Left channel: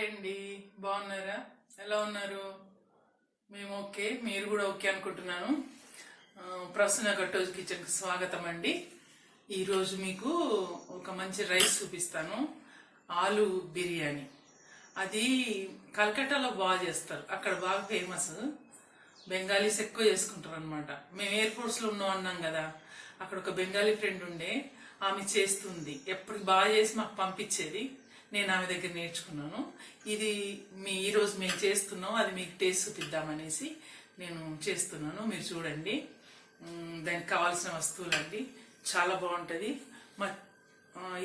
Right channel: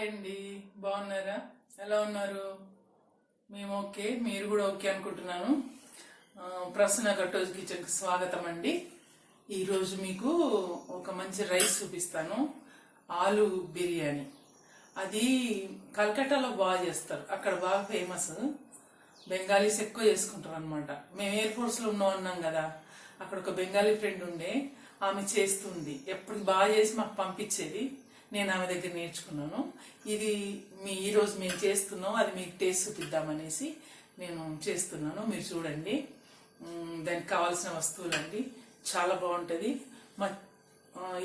Hi అండి, బాగున్నారా? ఎలా ఉన్నారు? మేము ఓకే, మీరు కూడా ఓకే అనుకుంటున్నాను. ప్రసన్న కట్టోజ్ కిచెన్కి స్వాగతం అండి. ఈరోజు మీకు ఒక మంచి రైస్ చూపిస్తాను, ఆలు బిర్యానీ. అది కలకట్టాలో బాగా చేస్తారు, అక్కడ బాగా ఫేమస్. బెంగాలీస్ ఎక్కువ చేసుకుంటారు అనమాట. మేము ఎయిర్ ఫోర్స్లో ఉన్నాం కదా, అక్కడ ఒక బెంగాలీ ఫ్రెండ్ ఉండే, ఆమె చేస్తుంది, ఎప్పుడు బాగా చేసి మాకు పంపించేది. నేను ఆమె దగ్గర నేర్చుకున్నాను. ఇది ఈరోజు మేము చేస్తున్నాం, అది మీకు టేస్ట్ చూపిద్దామనేసి నేను చేస్తున్నాను. మీరు చూడండి, దానికి కావాల్సిన వస్తువులు అండి. చాలా బాగుంటుంది.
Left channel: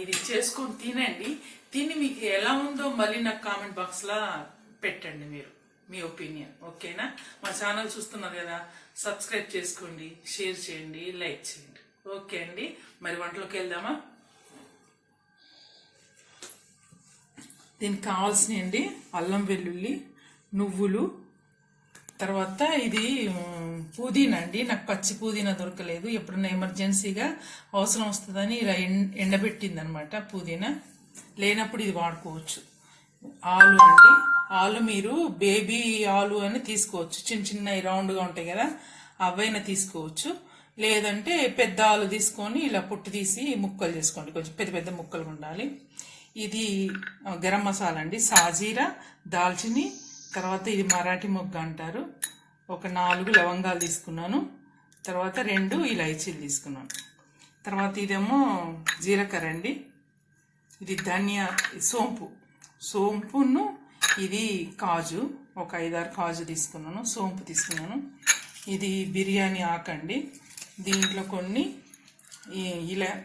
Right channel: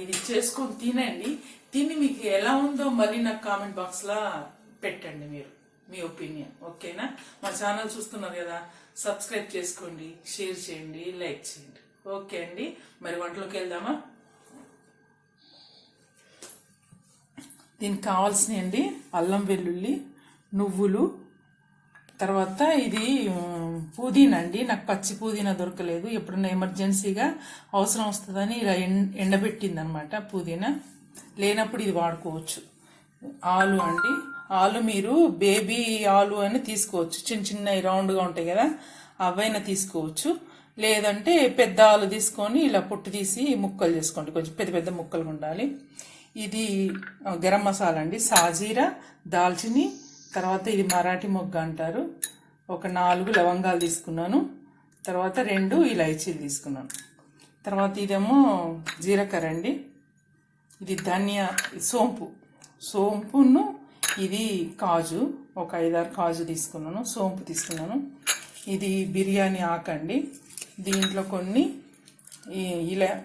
ఇది చేసుకొని తినండి. తిని మీకు ఎలా ఉందో మళ్ళీ నాకు కామెంట్ బాక్స్లో పెట్టండి, మీరు మీ ఒపీనియన్. ఓకేనా? మా ఛానల్ చూస్తున్నారు కదా, సబ్స్క్రైబ్ చేసుకోండి, షేర్ చేయండి, లైక్ చేయండి. ఓకే అండి, మరి వంటలోకి వెళ్దామా? దీనికి కావాల్సినవి అండి, అల్లం వెల్లుల్లి, నువ్వులు, తర్వాత ఇది పుదీనా అండి. నాకు పచ్చి పుదీనా దొరకలేదు, ఎప్పుడన్నా ఎమర్జెన్సీగా అవసరం వస్తుందని ఇలా ఎండబెట్టింది అనమాట. పుదీనా లేనప్పుడు ఇది వాడుకోవచ్చు. ఆలు అండి, ఆలు మీరు బేబీ ఆలు అని తీసుకోవచ్చు, చిన్న చిన్న రౌండ్గా ఉంటాయి కదా, అవైనా తీసుకోవచ్చు. లేదంటే పెద్ద ఆలు తీసుకొని ఇలా పొట్టు తీసి ముక్కలు చేసుకోండి, కొంచెం పెద్ద పెద్ద ముక్కలు ఉండాలి. ఇది గరం మసాలా అండి, సాజీరా, దాల్చిని, తర్వాత ఇది మరాఠీ మొగ్గ అంటారు. ఒక 4 లవంగాలు తీసుకున్నాను, తర్వాత 2 ఇలాచీలు తీసుకున్నాను. తర్వాత ఇదేమో జీలకర్ర అండి, ఇది ధనియా, సోంపును, ఇది కాజు, ఒక 5-6 కాజు తీసుకున్నాను, సోంపు తీసుకున్నాను. ఇది బిర్యానీ ఆకండి, దీంట్లో కొన్ని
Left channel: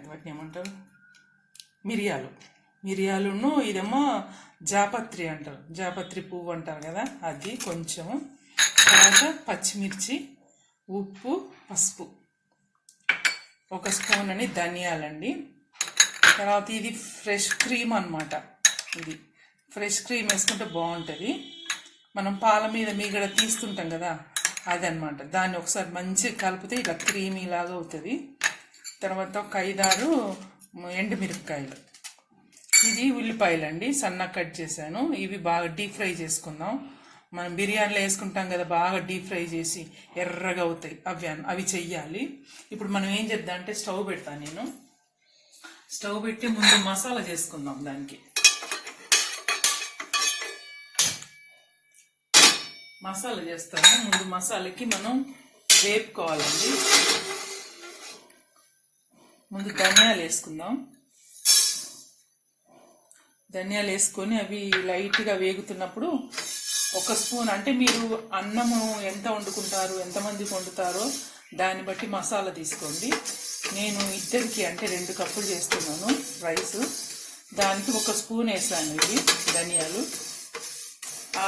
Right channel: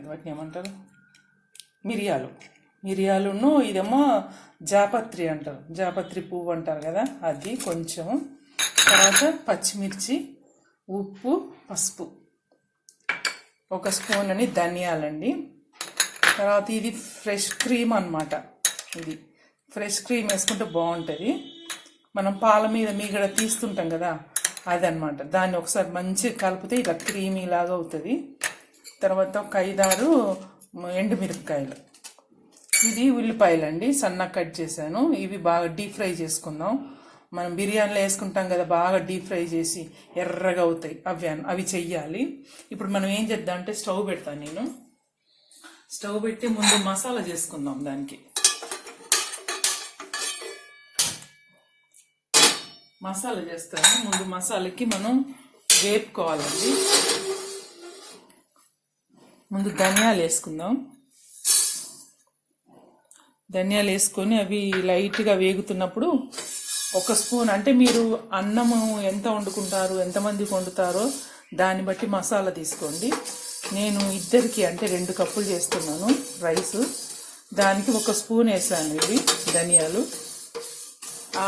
వాటిని ఏమంటారు, మిరియాలును, ఇదేమో జాపత్రి అంటారు, జాపత్రి పువ్వు అంటారు కదా, అది కొంచెం. తర్వాత పచ్చిమిర్చి, ఉప్పు, పసుపు, 1 స్పూన్ అని ధనియాలండి. తర్వాత ఇది ఫ్రెష్ క్రీమ్ అన్నమాట. ఇది ఫ్రెష్ క్రీమ్ వేసుకుంటే బాగుంటుంది. మనం పాల మీద మీగడ తీస్తుంటాం కదా, అదనమాట. దాన్ని ఒకసారి మంచిగా కలిపితే ఇలా క్రీమీ లాగా అవుతుంది. తర్వాత ఒక 5-6 ఎండుమిరపకాయలు. ఇది ఉల్లిపాయలు అండి, సన్నగా కట్ చేశాను. ఇవి బాగా డీప్ ఫ్రై చేసుకుందాం. మనం బిర్యానీలో వేసుకుంటాం కదా, బాగా డీప్ ఫ్రై చేసి ఎర్రగా అవుతాయి, అవి చెయ్యాలి. ఇప్పుడు మనం ఏం చేద్దాం అంటే, స్టవ్ పెడతాను నేను. స్టవ్ పెట్టి ముందు మసాలా చేసుకుందాం. దానికి మసాలా చేస్తాము. ముందు మసాలాకి మనం వేపుకోవాలండి. ముందు ధనియాలు వేసుకుందాం. ధనియాలు వేసుకొని అవి లైట్గా వేగుతున్నప్పుడు 1 స్పూన్, అంటే మీరు అన్నము ఎంత వండుకుంటారు, ఎంతమందికి వండుతారో దాన్ని బట్టి మసాలా తీసుకోండి. నేను ఇద్దరికి, అంటే 2 కప్పులు చేస్తున్నాను రైస్, దానికి 1 స్పూన్ వేసాను ఇది ధనియాలు.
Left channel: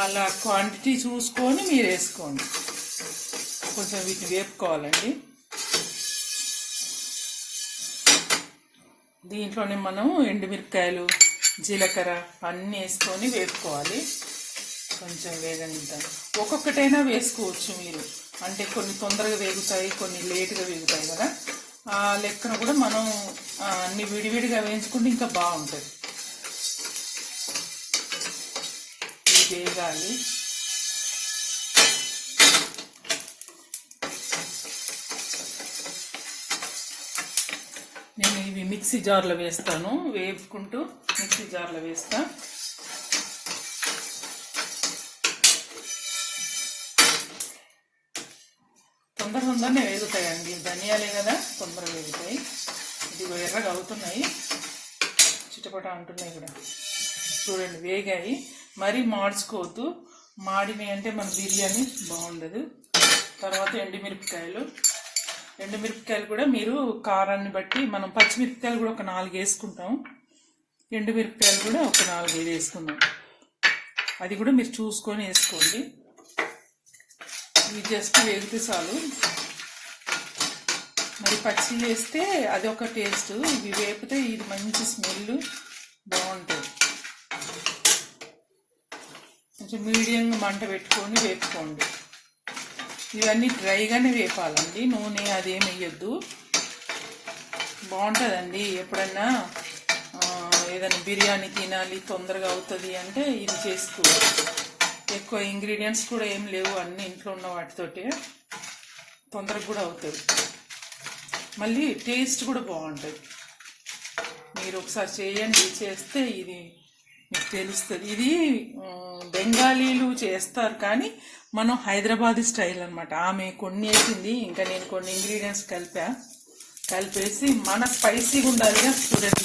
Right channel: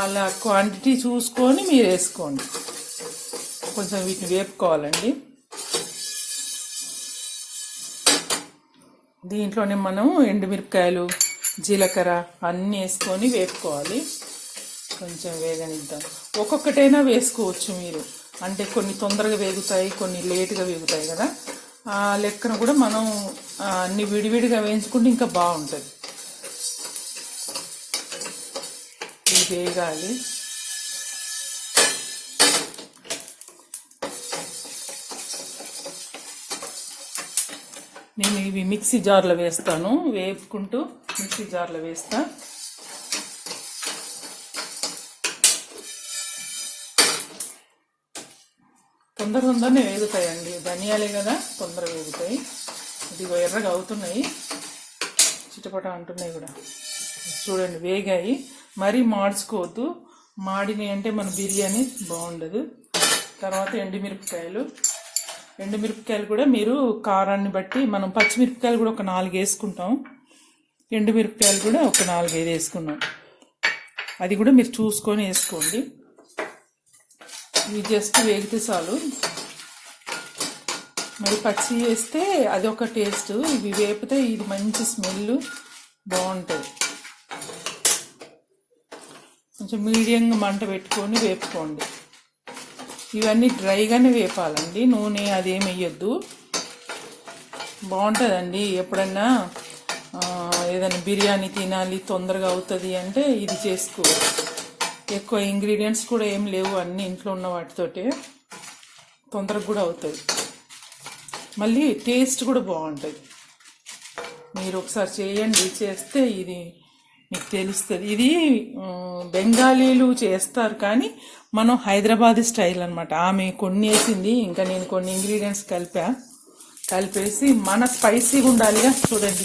అలా క్వాంటిటీ చూసుకొని మీరు వేసుకోండి. కొంచెం వీటిని వేపుకోవాలండి. దీంట్లోనే మనం ఎండుమిరపకాయలు, జీలకర్ర అన్నీ వేసుకొని వేపుకోవాలి. కొంచెం వేగనిద్దాం. ఒక్కొక్కటైనా వేసుకోవచ్చు మీరు, అంటే కొన్ని తొందరగా వేగుతాయి, కొన్ని లేటుగా వేగుతాయి కదా. ఆ లెక్కన కూడా మనం అన్ని విడివిడిగా వేయించుకుంటే ఇంకా బాగుంటుంది. ఇది వేగాలి. నేను ఇవి మిక్సీ జార్లో వేస్తాను, వేపుకుంటూ మిక్సీ జార్లో వేస్తా. తొందరనే వేగుతాయండి, ధనియాలే కదా, తొందరగా వేగుతాయి. ఇది ఎర్రగా అవుతున్నాయి, చిటపట అంటున్నాయి కూడా. చూడండి, వేగాయి. మరీ మార్చుకోవద్దు, మాడినాయి అంటే మన బిర్యానీ బాగుండదు. తర్వాత ఎండుమిరపకాయలు కూడా మీరు కారాన్ని బట్టి, మనం పచ్చిమిరపకాయలు కూడా ఒక 4 వేసుకుంటాం, ఎండుమిరపకాయలు కూడా ఒక 4-5 వేసుకున్నాం. అది కూడా మీరు చూసుకొని వేసుకోండి. ఇవి జస్ట్ వేగితే చాలు. మరి పచ్చి వేస్తే అది ఒక టేస్ట్, ఇవి వేపితే ఇది మంచి స్మెల్ బాగుంటుంది. కొంచెం మీడియంగా మంట పెట్టుకొని వేపుకోండి. ఇవన్నీ డ్రైగానే వేపాలండి, నూనె అదేం వేయొద్దు. బాగుంటుందండి. ఎప్పుడన్నా ఏదైనా బిర్యానీ తినాలి తొందరగా అవుతుంది అంటే ఇది చేసుకోవచ్చు. ఎక్కువ ఇంగ్రీడియంట్స్ కూడా ఏం లేవు, అన్ని ఇంట్లో ఉన్న వాటితోటే తొందరగా కూడా అవుతుంది. మళ్ళీ టేస్ట్ కూడా బాగుంటుంది. మీరు ఒకసారి చేయండి, చేస్తే ఇది మీకు తెలుస్తుంది. ఇది బెంగాలీలు చేస్తారు కానీ మనం హైదరాబాద్ స్టైల్ అనమాట. ఆమె కొన్ని వేసింది, ఇంకా నేను కొన్ని ఇంగ్రీడియంట్స్ కలిపేసి మన స్పైసీగా ఉండాలిగా. చూడండి,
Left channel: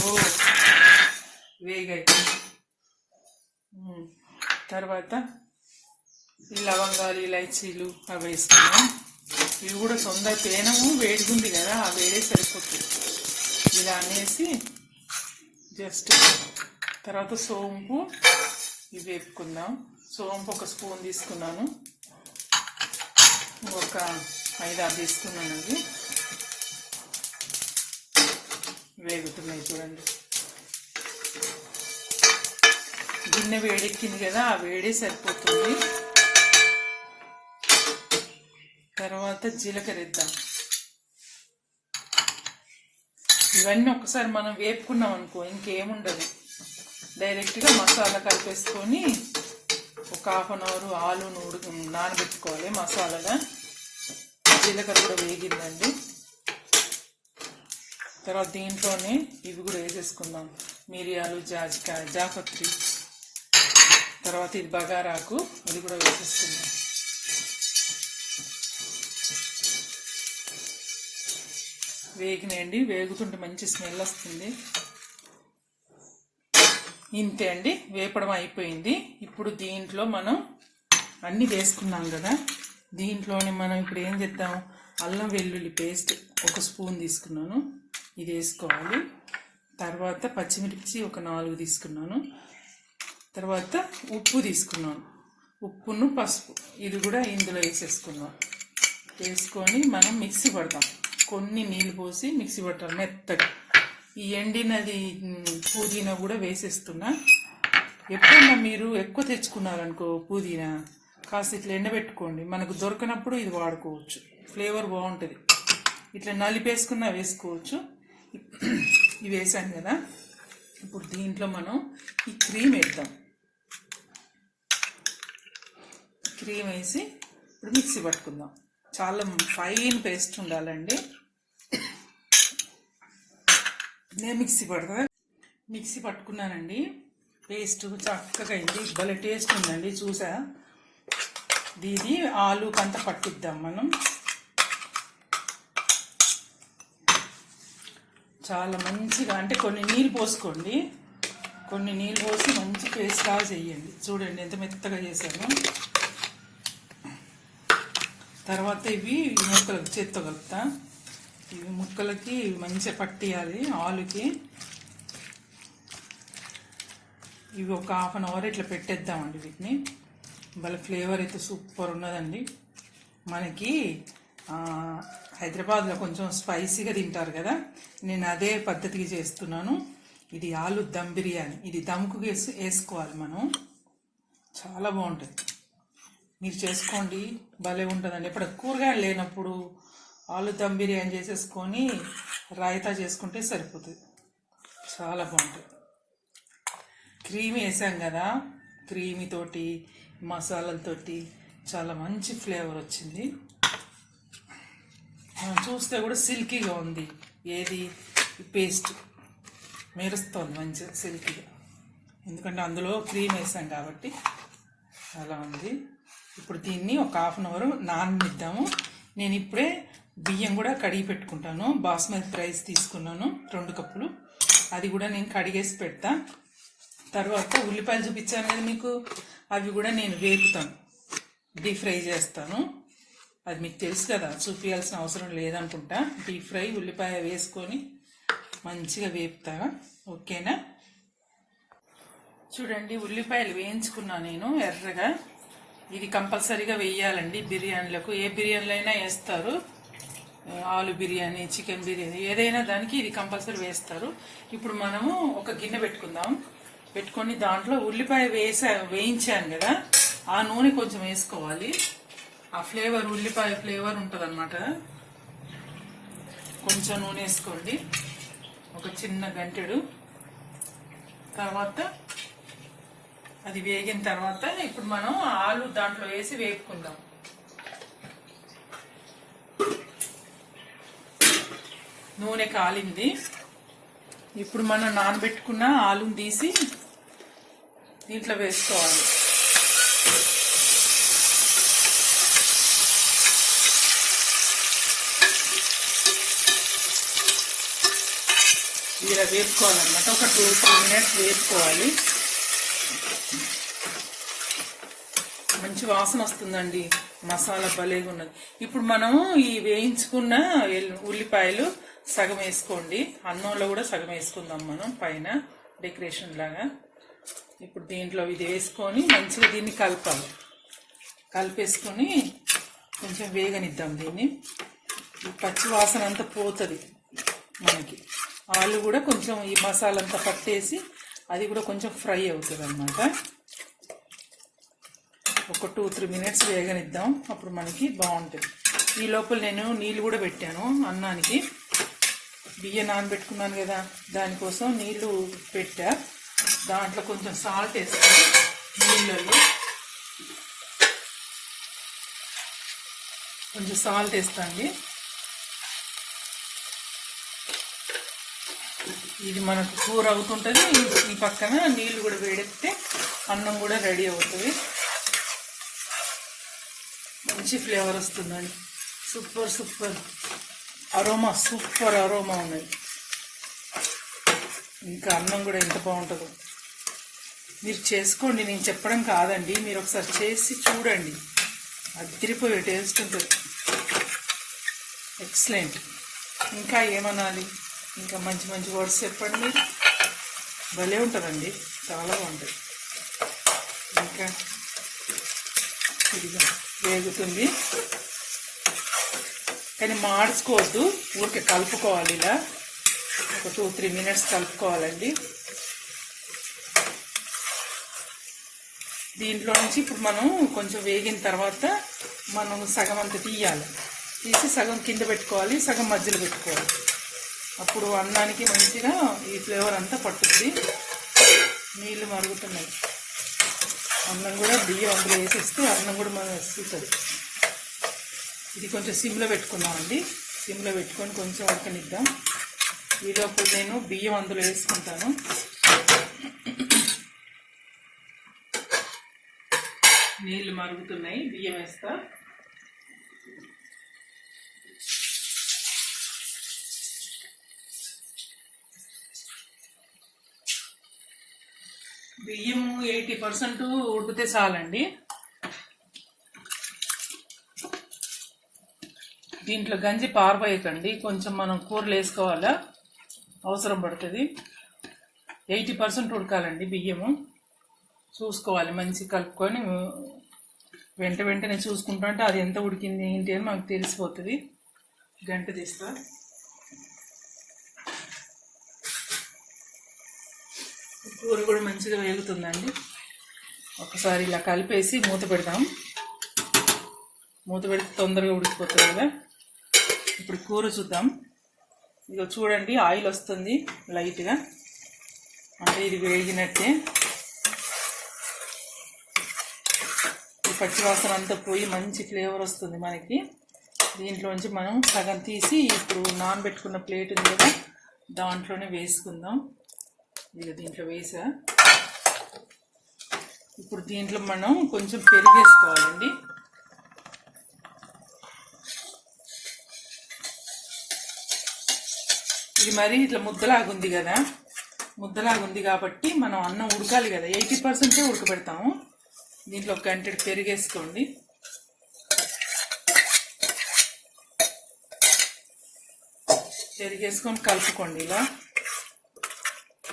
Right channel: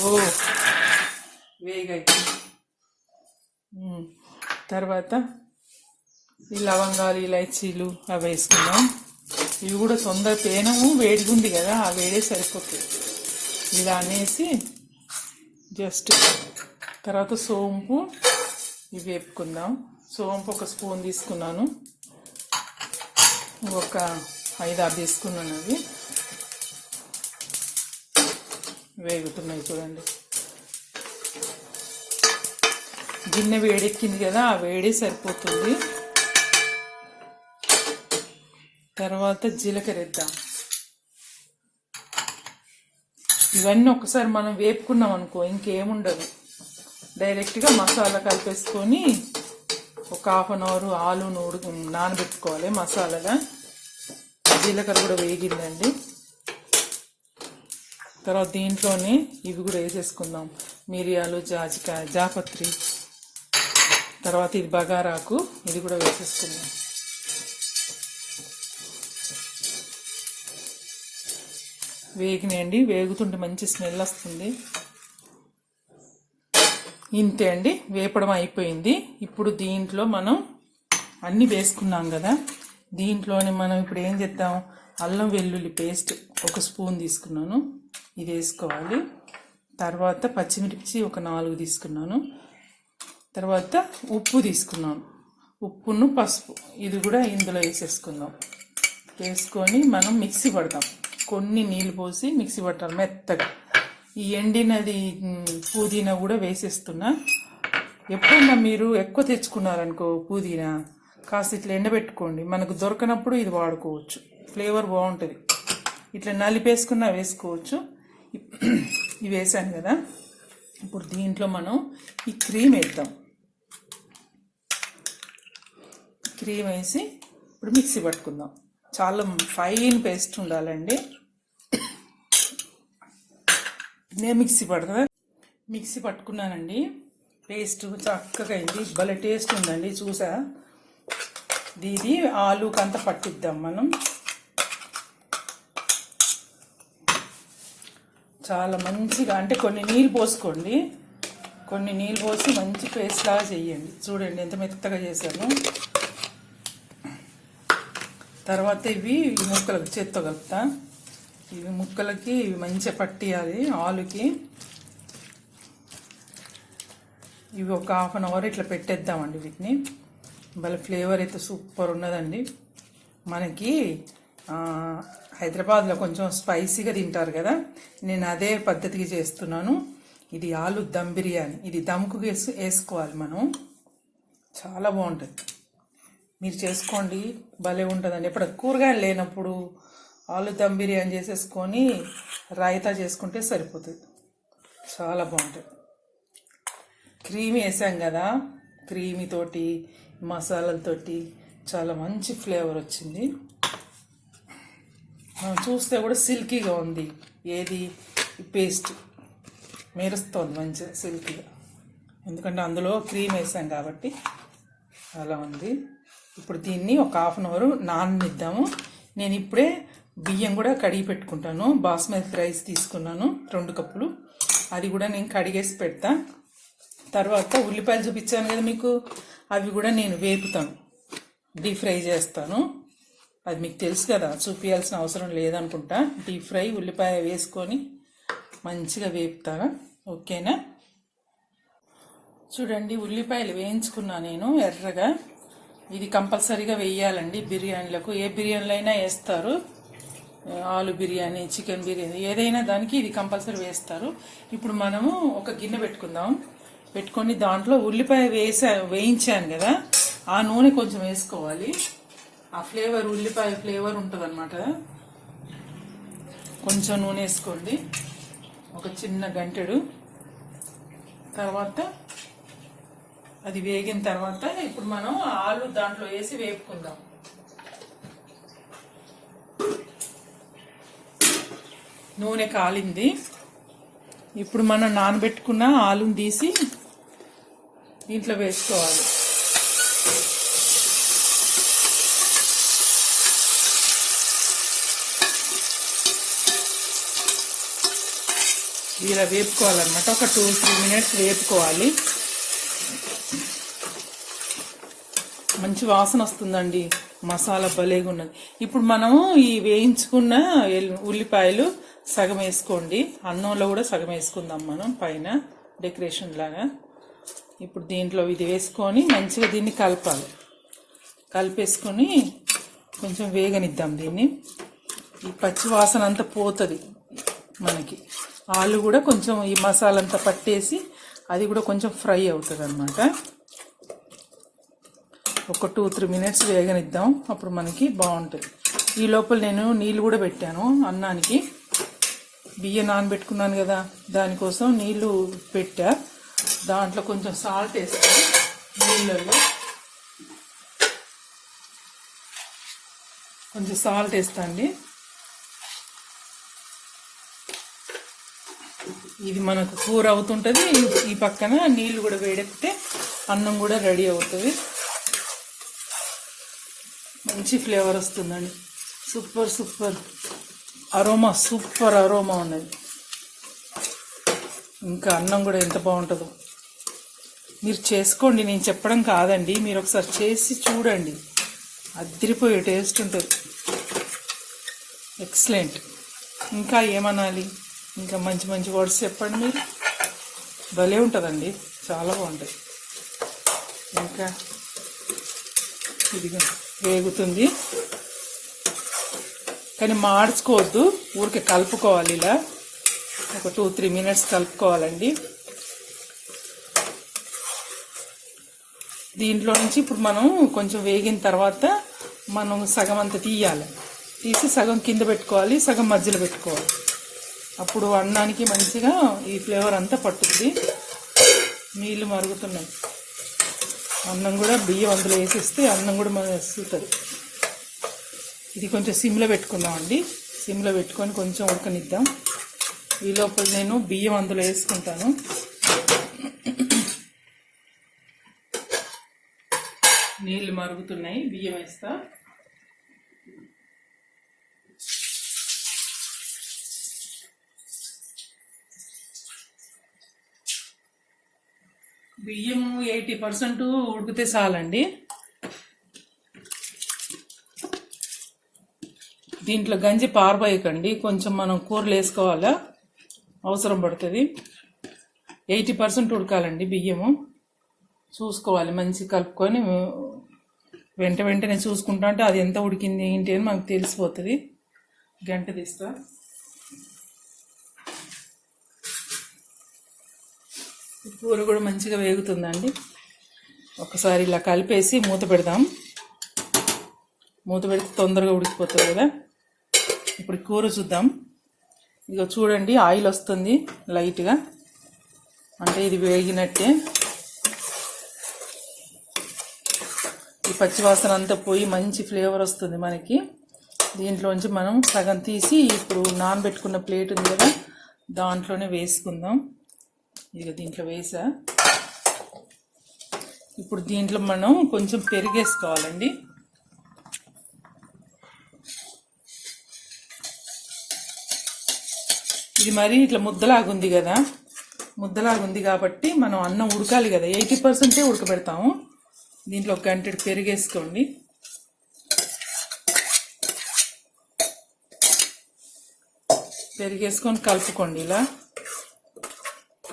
ఓ వేగాయి. తర్వాత ఈ లవంగాలు ఇలాచీలు అవి వేసుకున్నాం. ఇవి కూడా తొందర తేనము వేడిగా ఉంది కదా, ఆ వేడే సరిపోతుంది. ఇలా అనేసి జస్ట్ తర్వాత సోంపు ఇవి వేపుకుందాం. సోంపు ఒక స్పూన్ తీసుకున్నాను, ఒక 5-6 తీసుకున్నాను. ఇవి వేగుతున్నాయి చూడండి. గిన్నె వేడెక్కింది కదా, ఆ వేడే సరిపోతుంది. తర్వాత జీలకర్ర వేద్దాం. ఇవన్నీ ఒకసారి మనం వేపుకున్నాం అనుకో ఇంకేముండదు, డైరెక్ట్గా మసాలా కలిపేసుకొని ఒక 1/2 అవర్ ఆలును నానబెట్టుకోవాలి మసాలాగా. జీలకర్ర కూడా వేగిందండి. తర్వాత దీంట్లోనే ఇవి కూడా వేసేసుకుందాం, మిరియాలు, జాజికాయ, జాపత్రి, తర్వాత ఇది బగారాకు, ఇది కూడా వేసేసుకుందాం. వేగినాయండి, వేగుతుంటే మంచి స్మెల్ వస్తుంది. ఇంతే అండి, వేపడం అయిపోయింది. ఇప్పుడు దీంట్లో మనం అన్నీ వేసుకున్నాం కదా, దీంట్లోనే మనం ఇప్పుడు ఏం చేద్దాం, అల్లం వెల్లుల్లి పేస్ట్ ఒక స్పూన్ తీసుకున్నాను, ఇది వేసుకోవాలి. తర్వాత పచ్చిమిర్చి ఒక 4 తీసుకున్నాను. తర్వాత ఉప్పు తీసుకున్నాను, ఉప్పును పసుపు ఇది కూడా ఇందులో వేసేసుకుందాం. వేసుకొని మనం మిక్సీ పడతాం. కొన్ని నీళ్ళు పోసి మిక్సీ పట్టాలి మెత్తగా. ఈ ఎండినది పుదీనా కూడా వేసేస్తున్నా. ఎప్పుడన్నా మీరు ఎక్కువ తెచ్చుకున్నారనుకో పుదీనా, కాస్త ఇట్లా ఎండబెట్టుకోండి, మనకు దొరకనప్పుడు ఇది వాడుకోవచ్చు, ఫ్లేవర్ బాగుంటుంది. ఇట్లా నలిపేసుకున్నా వేసుకోవచ్చు. ఇవి వేసాను కదా, ఇప్పుడు దీంట్లో మనం ఈ క్రీమ్ వేద్దాం. క్రీమ్ వేసి ఇప్పుడు మిక్సీ పట్టుకుందాం. చాలా ఫైన్ పేస్ట్ ఉండాలండి. నేను మిక్సీ పట్టుకున్నానండి, పేస్ట్ చక్కగా అయింది, భలే టేస్ట్ ఉందండి. చూసా, ఇది ఆలుకంతా పట్టిద్దాం మనం. చాలా మంచిగా, అంటే కొన్ని నీళ్ళు పోసుకోండి, కొన్ని నీళ్ళు పోసి మంచి పేస్ట్ లాగా చేయండి. చూడండి ఎంత మెత్తగా చేశాను. తర్వాత ఇవి ముక్కలకి చేత్తో కలుపుతా. ఇవి ముక్కలకి మంచిగా పట్టియాలి ఆలుకి. ఇవి ఒక 1/2 అవర్ ఇట్లా పెట్టేద్దామండి వీటిని. వాళ్ళ ఫ్లేవర్ అయితే సూపర్ ఉన్నదండి. మనకి హైదరాబాద్లో కొంచెం స్పైసీగా తింటారు కదా, నేను అదే పద్ధతికి చేస్తున్నాను. ఇది ఆలు దమ్ బిర్యానీ, ఇది దమ్కు వేసుకోవాలి మనం, చాలా బాగుంటుంది. మీరు చేసుకోండి, భలే ఉంటుందండి. ఇప్పుడు కూరగాయలు లేనప్పుడు ఆలు దమ్ బిర్యానీ చేసేసుకొని రాయితా చేసుకుంటే సరిపోతుంది, చాలా బాగుంటుంది. క్రీమ్ వేసాం కదా, క్రీమీతోటి మసాలాలతోటి చాలా మంచి ఫ్లేవర్ వచ్చింది. చూస్తే కూడా సిల్కీగా ఉంది, ఏది పేస్ట్ మెరుస్తుంది మంచిగా సిల్కీగా, ఎందుకంటే అందులో క్రీమ్ వేసాం కాబట్టి అలా ఉంది. ఇప్పుడు దీన్ని ఒక 1/2 అవర్ నాననిద్దాము. నేను ఇప్పుడే బియ్యం కూడా కడిగి పెట్టుకుంటాను. బాస్మతి రైస్ తీసుకున్నాను 2 కప్పులు, అది కూడా నేను కడిగేసి పెడతా. తర్వాత ఉల్లిపాయలు చూపించాను కదా మీకు, అవి కూడా నేను వేపుతాను, డీప్ ఫ్రై చేస్తాను. అది మీకు తెలుసు కదా, చూపించాల్సిన అవసరం లేదనుకుంటా. డీప్ ఫ్రై ఉల్లిపాయ వేసుకొని మంచిగా వేపుతా, ఓకేనా. చూడండి, ఉల్లిపాయలు వేయించుకున్నా నేను ఎర్రగా. ఇది కంపల్సరీగా వేయాలండి బిర్యానీలకు, ఏ బిర్యానీలో అయినా వేస్తారు. ఆలు బిర్యానీ, చికెన్ బిర్యానీ, ఏదైనా దానికి ఇది కంపల్సరీ వేస్తారు. ఇప్పుడు మనము ఒక గిన్నె పెట్టుకొని దాంట్లో ఉల్లిపాయ వేయించాను కదా, ఆ నూనె కొంచెం వేసుకోవాలి. ఆ ఫ్లేవర్, ఉల్లిపాయ ఫ్లేవర్ ఉంటుంది అనమాట. కొంచెం నూనె వేసుకోండి, ఒక చిన్న గంటెడు. తర్వాత అది వేగిన తర్వాత ఇప్పుడు మనం ఆలు దాంట్లో వేసి వేపుకుందాం. నూనె కాలింది. ఇప్పుడు మనం నానబెట్టుకున్న ఆలుని తీసి దీంట్లో వేసుకోవాలి. ఇలా వేపుకోవాలన్నమాట. ఒక 2-3 మినిట్స్ వేపుకోవాలి. మంచి వాసన వస్తుందండి. మసాలా భలేగా ఉన్నది. ఇప్పుడు మనం ఈ వేయించుకున్న ఉల్లిపాయలు సగం వేసుకోండి. అన్నంలో కూడా సగం వేసుకుందాం మనం పైన డెకరేషన్ లాగా. ఇప్పుడు దీంట్లో ఇది వేసుకొని మంచిగా దీన్ని కలపాలి. కలిపేసుకొని కొంచెం వేగనిద్దాం దీన్ని. ఈ పచ్చి వాసన అంతా పోతుంది మనకి. ఆలు కూడా కొంచెం ఈ మసాలా అంతా పట్టేసి అది కూడా కొంచెం ఫ్రై అవుతుంది అన్నమాట. ఒక 2-3 మినిట్స్ వేగనిద్దాం. అప్పుడు మనకి బాగుంటుంది. ఈ లోపల నేను నీళ్ళు కూడా పెట్టాను అన్నానికి. బియ్యం నానబెట్టుకున్నాను కదా, దానికోసం నీళ్లు పెట్టా. దాంట్లో కొంచెం సాల్ట్ వేస్తాను. నీళ్ళల్లో కొంచెం సాల్ట్ వేస్తాండి. ఇది మనకు కూర అవుతుంటుంది. ఈ పక్కన నీళ్లు కూడా వేడెక్కితే అన్నం కూడా రెడీ అవుతుంది. మంచి ఫ్లేవర్ వస్తుందండి. సూపర్ అరోమా, సూపర్ అరోమా ఉన్నది. ఇంకా అన్నం కూడా ఎంత బాగుంటుందో మీరు చేసుకోండి. నేను చెప్పడం కాదండి, మీరు ఒకసారి చేసి చూడండి. అదిరిపోయే టేస్ట్ ఉంటుంది. ఎక్సలెంట్. ఇంకా ఏమనాలి? ఇంకా మంచి మంచి వర్డ్స్ చెప్పండి మీరు. భలే ఉంటుందండి, చాలా బాగుంటుంది. ఇంకా ఇదిగా వేగుతుంది, కానీ మాడ్చుకోవద్దు, ఊరికే కలుపుకోవాలి. ఇలా ఒక 2-3 మినిట్స్ కలుపుకోవాలండి. దీంట్లో నుంచి ఇప్పుడు మనం కొంచెం వేగిన తర్వాత మనం సగం అంతా తీయాలి. తీసి సగం కింద పెట్టుకోవాలి, సగం మధ్యలో పెట్టుకోవాలి. అప్పుడు అన్నానికి మంచిగా ఈ ఫ్లేవర్ అంతా పట్టుద్ది. నీళ్ళు మరుగుతున్నాయి. అన్నం కూడా బియ్యం అందులో వేసేస్తే అన్నం కూడా మరుగుతుంది. ఇది కొంచెం సిమ్లో పెట్టుకుందామండి. సిమ్లో పెట్టుకొని కొంచెం ఉడకనిద్దాం. ఈ లోపల నేను బియ్యం అందులో వేసుకుంటాను. నీళ్ళు మరుగుతున్నాయి, బియ్యం వేస్తా. బియ్యం 80% ఉడికితే చాలండి. దీంట్లో గంజి పారబోయకండి, కొంచెం మనం కూరలు వేసుకోవాలా, అవసరం పడుతుంది. 80% ఉడకాలండి బియ్యము. చూసుకోవాలి, మంచి కలుపుకొని వెంటనే చూసుకుంటా అంటే అది ఎంత ఉడికింది ఏంటి అని మనకు తెలిసిపోతుంది. గంట తీస్తా. కూర కూడా మంచిగా వేగుతుందండి. ఒకసారి ఇలా కలిపేసి మూత పెడదాం. మూత పెడితే తొందరగా ఉడికిపోతుంది కదా. ఇప్పుడు కూర చూద్దాం. ఇక చూడండి, ఆయిల్ వస్తుంది లైట్గా, అంటే ఇది వేగినట్టే. ఈ పచ్చివాసన అంతా పోయి మంచి ఫ్లేవర్ వస్తుంది మనకి. దీంట్లోంచి మనం సగం తీసి ఇప్పుడు నానబెట్టుకున్న ప్లేట్ ఉంది కదా, దాంట్లోనే వేసుకుందాం. ఇక దీంట్లో వేసా. ఇప్పుడు దీంట్లో మనం కొంచెం పెరిగేసుకోవాలండి. ఇది మరీ ఇట్లా ముద్దలాగుంది కదా, ముద్దలాగుంది కాబట్టి మనం అన్నం ఉడకాలి కదా, 80% ఉడకబెడతాము. దీంట్లో ఒక గంటెడు పెరిగేసుకోండి. పెరిగేసుకొని కలుపుకోండి. ఇలా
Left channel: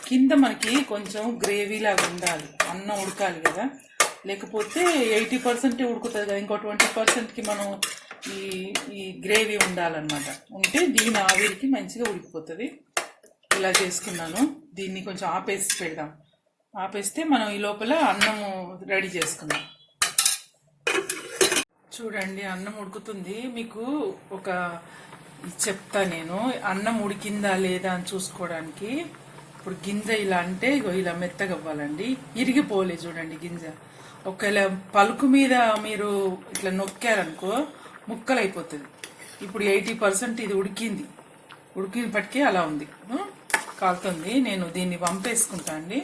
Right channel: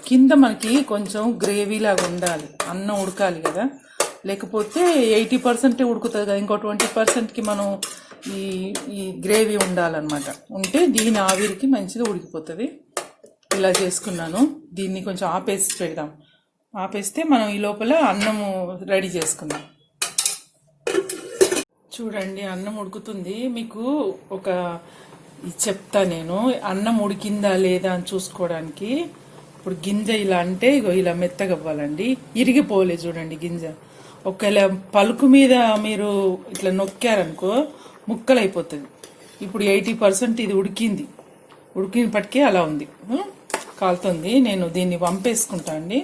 కింద మనకి కొంచెం గ్రేవీలాగా ఉండాలి, అన్నం ఉడకాలి కదా, లేకపోతే 80% ఉడుకుతుంది కదా, ఇంకో 20%కి మనం ఈ గ్రేవీ ఉండాలన్నమాట. ఉంటే దీని ఆవిరికి మంచిగా ఉడికిపోతుంది. ఇలా చేసుకున్నాను. దీన్ని కొంచెం ఆపేసి పెడదాం. ఆపేస్తే మనం ఈ లోపల అన్నము రెడీ చేసుకుందాం. చూడండి, అన్నం ఉడుకుతుంది. మీకు చెప్తా నేను, అన్నం ఉడికిందా లేదా అని చూసుకోవడానికి. ఇప్పుడు గింజ ఇలా అంటే ఇగో ఇలా మెత్తగా అవ్వాలండి. ఇరిగిపోలే చూడండి గింజ. ఒకవేళ పలుకు మీద మీరు ఇట్లా నొక్కారనుకో ముక్కలు అయిపోతుంది. ఇప్పుడు 80% ఇది ఉడికినప్పటికీ అలా ఉంది, కాలుతుంది. నేను దీన్ని వంపేసుకుంటా అండి.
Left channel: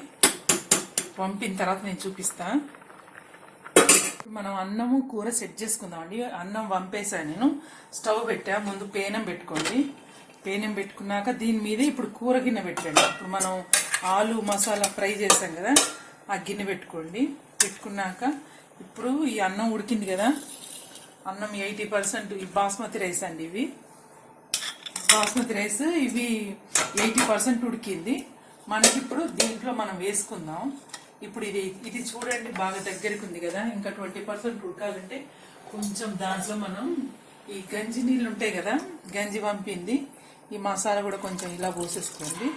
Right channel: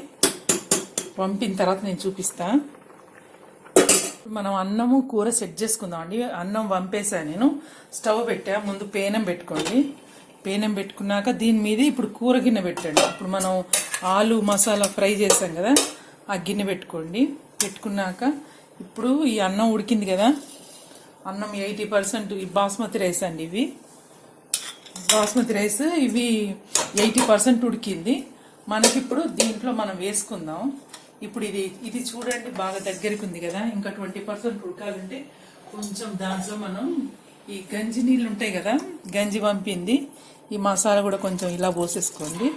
వంపిన తర్వాత నేను చూపిస్తా. మనం అన్నము కూర సెట్ చేసుకుందాం అండి. అన్నం వంపేసా నేను. స్టవ్ పెట్టా. ముందు పేనం పెట్టుకోండి. పేనం పెట్టుకున్నాక దీని మీద ఇప్పుడు కూర గిన్నె పెట్టండి. ఇప్పుడు మనం ఆలు మసాలా ఫ్రై చేస్తాం కదా, ఆ గిన్నె పెట్టుకోండి. పెట్టుకున్నాక ఇప్పుడు ఈ అన్నం ఉడికింది కదా, అన్నం 80% ఈ బాస్మతి రైస్ అండి. ఇవి బాస్మతి రైస్, ఇవి 80% ఉడికింది. మనకి ఇప్పుడు దీంట్లో మనం వేసుకుందాం. ఇప్పుడు ఇది చూడండి బాగా దగ్గరికి ఉంది కదా, ఇంకా 20% ఉడకాలంటే కొంచెం దాంట్లో మనం ఈ గంజి నీళ్ళు ఉంటాయి కదా, గంజి పంపింది, ఈ మసాలా కూడా కొంచెం ఇలా పోసేసుకోండి.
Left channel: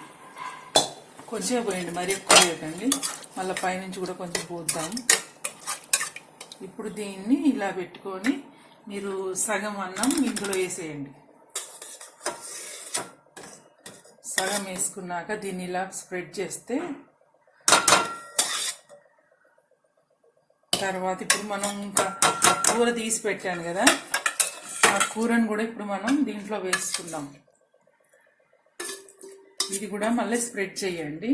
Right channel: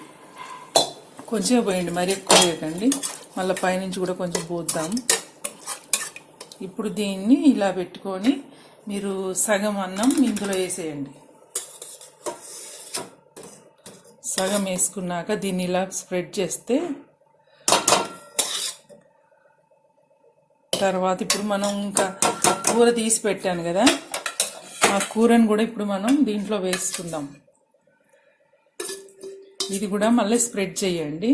కొంచెం పోయండి, మరి ఎక్కువ వేయకండి. మళ్ళీ పైనుంచి కూడా కొంచెం పోద్దాం. ఇప్పుడు దీన్ని ఇలా పెట్టుకొని మీరు సగం అన్నం ఇందులో వేసేయండి. సగం వేసుకున్నాక దీన్ని ఇలా స్ప్రెడ్ చేస్తే తర్వాత ఇప్పుడు మనం ఇంకా కూర తీసి పెట్టాను కదా, ఆ కూరను కూడా ఇప్పుడు మనం దీంట్లో వేసుకుందాం. ఇది కూడా మళ్ళీ స్ప్రెడ్ చేయండి.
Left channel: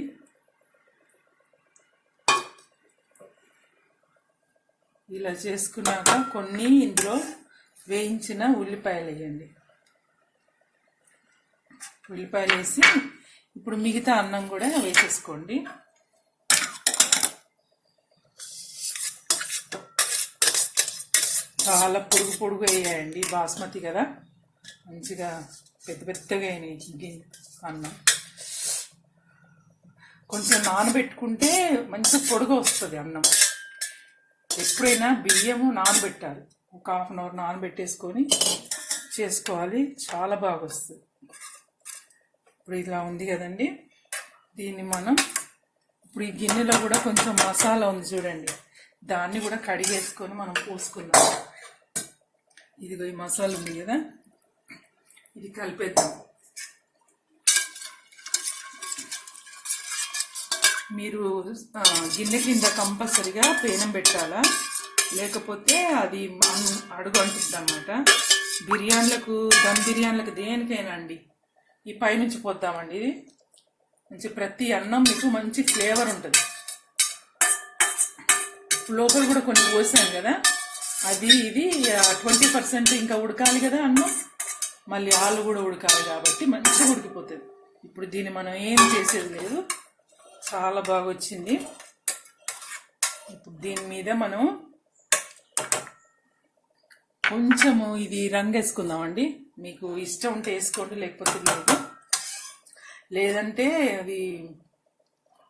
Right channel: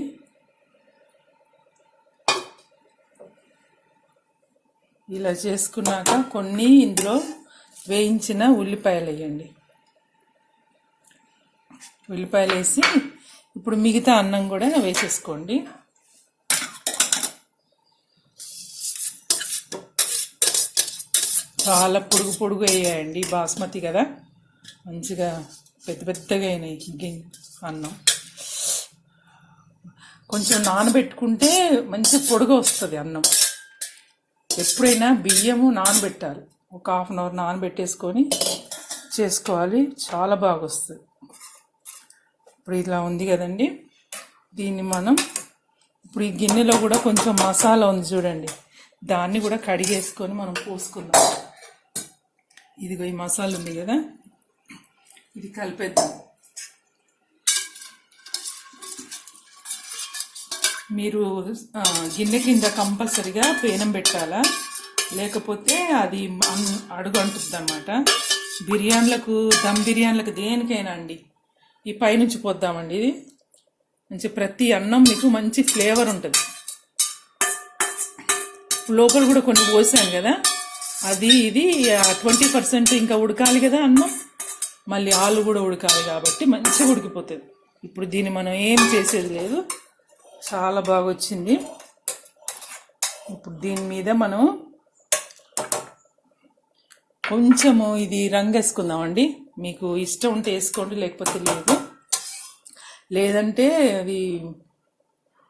ఇలా చేసుకున్నాక కొన్ని ఇందులో వేయించిన ఉల్లిపాయలు వేయండి. ఉల్లిపాయలు వేసి ఇప్పుడు మిగతా అన్నం కూడా వేసేసుకోండి. చాలా పొడుగు వేయండి, బాస్మతి కదా, మంచిగా పెద్దగా అయినాయి అన్నం. కొంచెం నానబెట్టుకుంటే మంచి పొడుగు వస్తుంది అన్నం. ఎప్పుడైనా బియ్యము నానబెట్టాలి, ఒక 1/2 అవర్ నానబెట్టేసుకొని చేసుకోవాలి, చాలా బాగా వస్తుంది. ఇప్పుడు ఇలా ఉంది కదండి, దీన్ని మనం ఇప్పుడు ఈ గిన్నెలో కూడా కొంచెం మసాలా ఉంది చూడండి, దాన్ని కూడా కడిగేసుకొని మనం పోసుకుందాం. ఇదిగో ఈ మసాలా ఉంది కదా, ఇది కలిపేద్దాం. మీరు గిన్నె కింద కంపల్సరిగా పేనం పెట్టాలా, లేకపోతే అది అడుగు అంటుంది అన్నమాట. బిర్యానీలకు, దమ్ బిర్యానీలకు, దేనికైనా అండి ఈ పైనుంచి పోద్దామండి. ఇది మంచి ప్రతి అన్నం మీకు మంచి ఫ్లేవర్ ఉంటుంది. లోపల కూడా కొన్ని పోసాను కదా, ఇది 20% ఇంకా ఉడకాలి కదా అన్నం, మళ్ళీ ఆలు కూడా ఉడకాలి కాబట్టి మంచిగా ఉడికిపోతుంది. ఇప్పుడు దీన్ని మనం ఏం చేసేది లేదు, చాలా బాగా వచ్చింది. ఇప్పుడు దీని మీద మనం కొంచెము ఇది రంగు వేసుకుందామండి. మీకు ఇష్టం ఉంటే వేసుకోండి, లేకపోతే లేదు. లేదంటే అది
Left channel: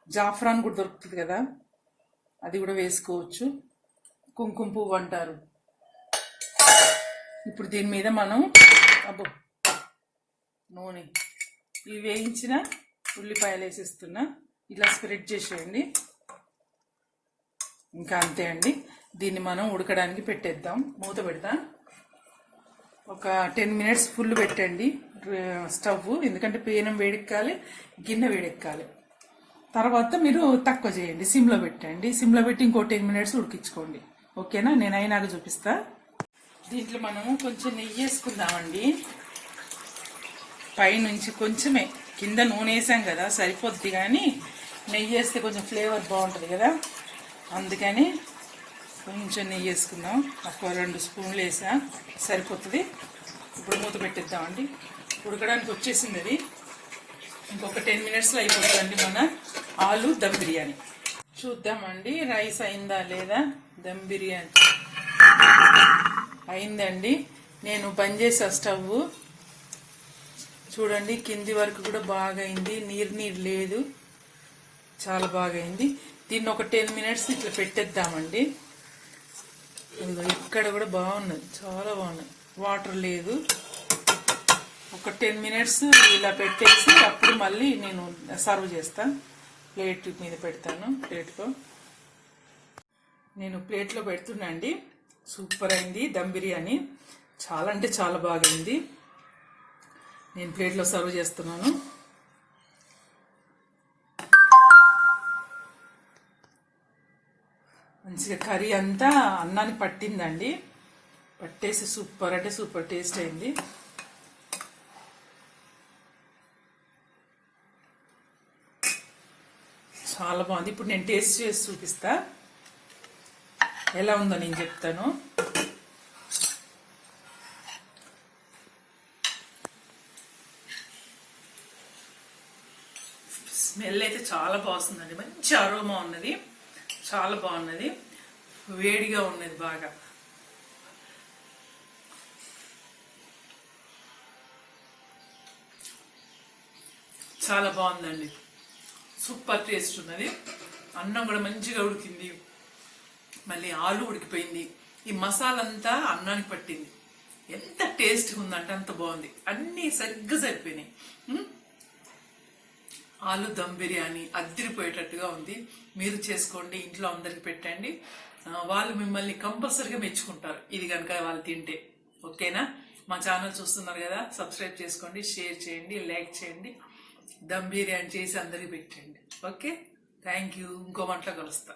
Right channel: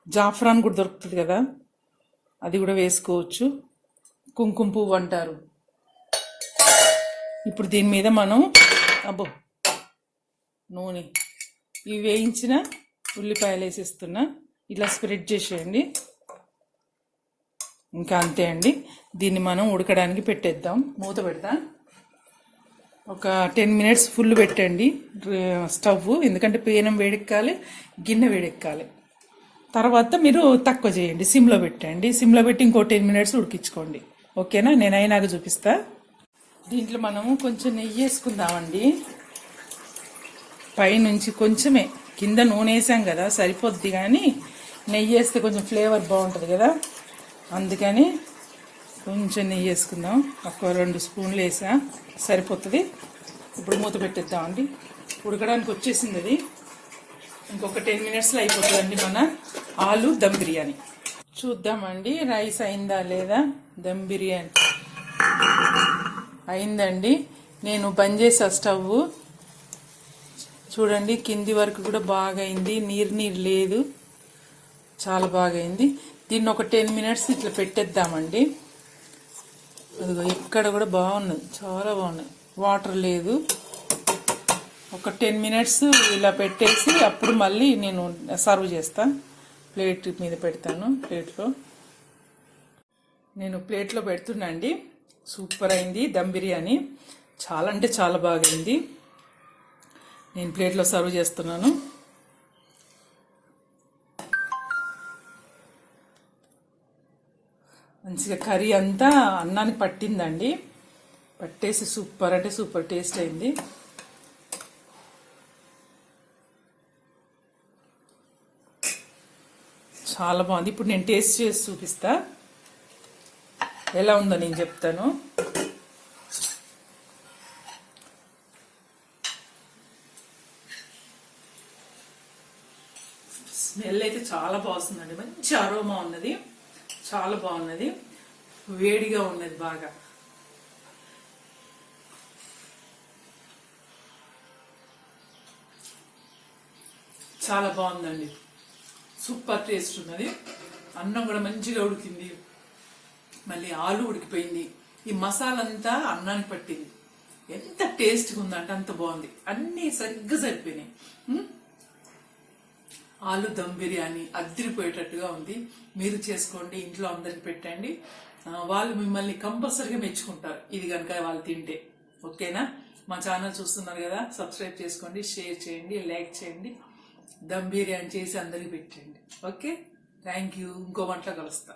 జాఫ్రాన్ కూడా దొరుకుతుంది కదా, అది కూడా వేసుకోవచ్చు. కుంకుమ పువ్వు అంటారు. ఇప్పుడు దీని మీద మనం నూనె, ఇవి వేయించిన ఉల్లిపాయలు వేసేస్తున్నా. ఇలా స్ప్రెడ్ చేసేయండి. ఇంకా అంతే అండి. దీన్ని మనం ఉడకడానికి పెట్టేద్దాం. మూత పెడదాం. ఒక 10 మినిట్స్ ఫుల్ పెట్టండి స్టవ్, ఎందుకంటే పేనం వేడెక్కాలి, గిన్నె వేడెక్కాలి. తర్వాత మీరు తక్కువ చేయండి, సిమ్లో పెట్టండి. సిమ్లో పెట్టి ఇంకో 10 మినిట్స్ ఉడికించుకోండి. ఓకేనా? నేను అయినాక చూపిస్తా. దీంట్లో మనం కొంచెం నెయ్యి వేసుకుందామండి. పైనుంచి కొంచెమే, కింద నూనె వేసాం కదా సరిపోద్ది, కానీ నెయ్యి వేస్తే కొంచెం ఫ్లేవర్ బాగుంటుంది కదా, అందుకని కొంచెం నెయ్యి వేసుకుందాం. ఒక 2 స్పూన్లు వేసా, సరిపోతుంది. ఇప్పుడు మూత పెట్టేద్దామండి. ఉడకడానికి వచ్చేసింది అది. ఇంకొక 10 మినిట్స్లో అయిపోతుందండి మన ఆలు దమ్ బిర్యానీ. చూద్దామండి రైస్ అయిందా లేదా. దమ్ బిర్యానీ అయిందండి. నేను బంద్ చేసా స్టవ్. చూడండి కింది వరకు కూడా బాగా అయింది, నీరు లేదు, చాలా బాగా అయింది. దీన్ని ఒక 10 మినిట్స్ ఇట్లా పెట్టేద్దామండి. అదిగో ఇక్కడ కూడా బాగున్నది, చాలా బాగున్నాయి, వాటర్ లేదు. ఒక 10 మినిట్స్ ఇలా పెట్టేసి అప్పుడు మళ్ళీ నేను సర్వ్ చేస్తాను. ప్లేట్ మీద పెడతాను. నేను ప్లేట్లో పెడుతున్నా అండి. సూపర్ అయింది దమ్ బిర్యానీ, చాలా అంటే చాలా బాగా అయింది. నేను ప్లేట్లో సర్వ్ చేస్తున్నాను. మంచిగా కర్రీ అంతా అన్నానికి పట్టిందండి. పట్టేసి సూపర్ అంటే సూపర్ టేస్ట్ అయింది. చాలా బాగుంది. ఇప్పుడు నేను టేస్ట్ చేసి చూపిస్తా, ఎలా ఉందో నేను చెప్తాను. స్మెల్ అయితే చాలా బాగుందండి. మంచి అరోమా ఉన్నది, చాలా బాగున్నది. వేడిగా ఉన్నది బాగా. చాలా బాగుందండి. సూపర్ టేస్ట్ ఉన్నది. అన్నం కూడా మంచిగా ఉడికింది, మళ్ళీ ఆలు ఉడికిపోయింది. ఈ మసాలా అంతా అన్నానికి పట్టింది. ఎంత టేస్ట్గా ఉందంటే అంత బాగుంది. అన్నీ సరిగ్గా సరిపోయినాయి. ఆలు దమ్ బిర్యానీ అద్దరిపోయేటట్టుగా ఉంది. మీరు చేసుకోండి, ఇంట్లో అందరికి పెట్టండి. వాళ్ళు మిమ్మల్ని కంపల్సరిగా మెచ్చుకుంటారు ఇది కనుక వాళ్ళు తింటే. ఓకేనా? మా ఛానల్ చూస్తున్నారు కదా, సబ్స్క్రైబ్ చేసుకోండి, షేర్ చేయండి, లైక్ చేయండి. దమ్ బిర్యానీ చేసి అందరికి పెట్టండి. Okay, thank you. ఇంకో వంటలో కలుస్తా.